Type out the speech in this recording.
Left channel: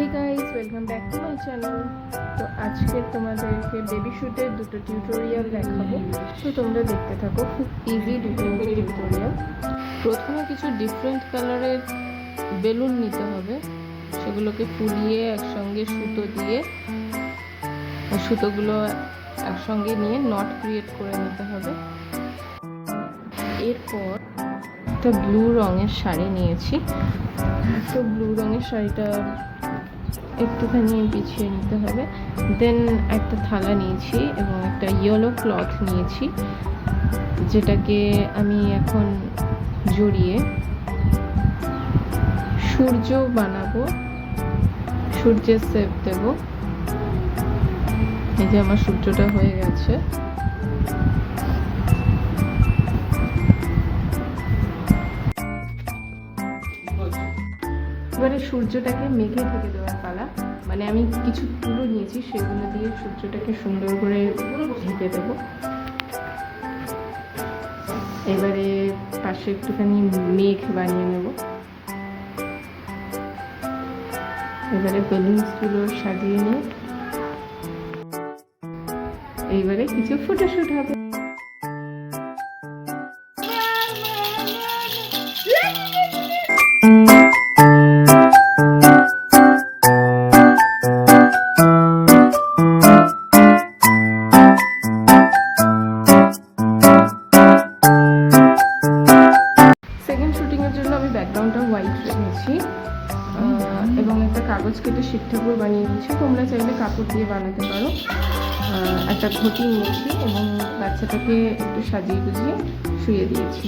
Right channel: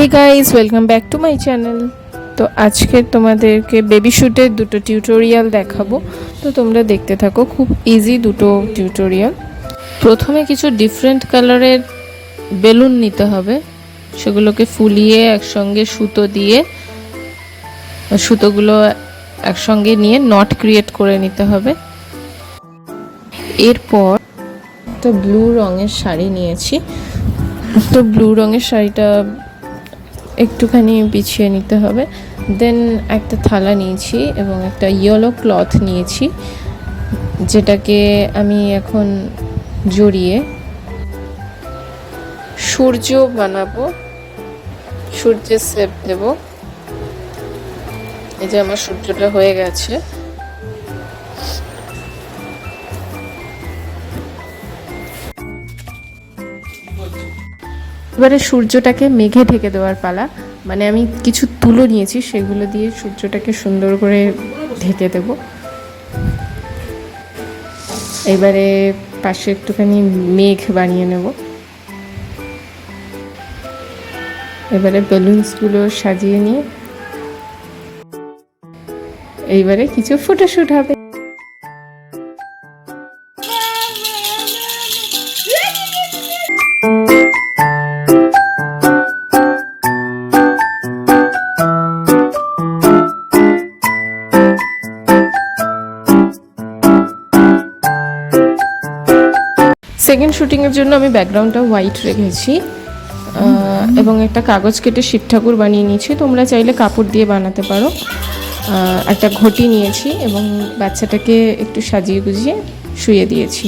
Hey guys welcome back to my channel. तो आज के तुम्हादेरके बेबी शूटेर दुटो टिউটোরিয়াল দেখাবো। তো তোমরা দেখতে থাকো, খুব ইজি দুটো টিউটোরিয়াল। প্রথমে কিছু ডিফারেন্ট কালারের বেলুন নিতে হবে, সেগুলোকে ফুলিয়ে একসঙ্গে সুতো দিয়ে সুতোগুলো একসঙ্গে নিয়ে নট ক্রিয়েট করে নিতে হবে। এরপর তো ব্লু রঙের শাড়ি নিয়েছি, তো ব্লু রঙের শাড়িটা একটুখানি বিছিয়ে নিতে হবে। দেন একটা থালা নিয়েছি এবং একটা ইয়েলো ক্লথ নিয়েছি, যেটাকে আমি এখন জড়িয়ে সূর্য বানাবো, সূর্যের শেপ দেব। এই যে আমার সূর্যটা হয়ে গেছে। এবারে সূর্যটাকে মেঘে ঢেকে দেওয়ার পালা, মানে আমি কিছু তুলো নিয়েছি, সেগুলো দিয়ে সূর্যটাকে সুন্দর করে ঢেকে দেব। এবারে পাশে একটুখানি মেঘ বানিয়ে নেব। এবারে বেলুনসগুলো সাজিয়ে নিয়ে এইবারে কিছু ফটোশুট হবে। সেকেন্ড শুটিংয়ের জন্য আমি ব্যাকগ্রাউন্ডটা হোয়াইট রেখেছি এবং একটা কাগজ কেটে শিব ঠাকুর বানিয়ে নিয়েছি। তোমরা চাইলে কাপড় দিয়ে বানাতে পারো। একটা ঘটি নিয়েছি এবং বাচ্চাটাকে একটু সাজিয়ে গুজিয়ে শুয়ে দিয়েছি।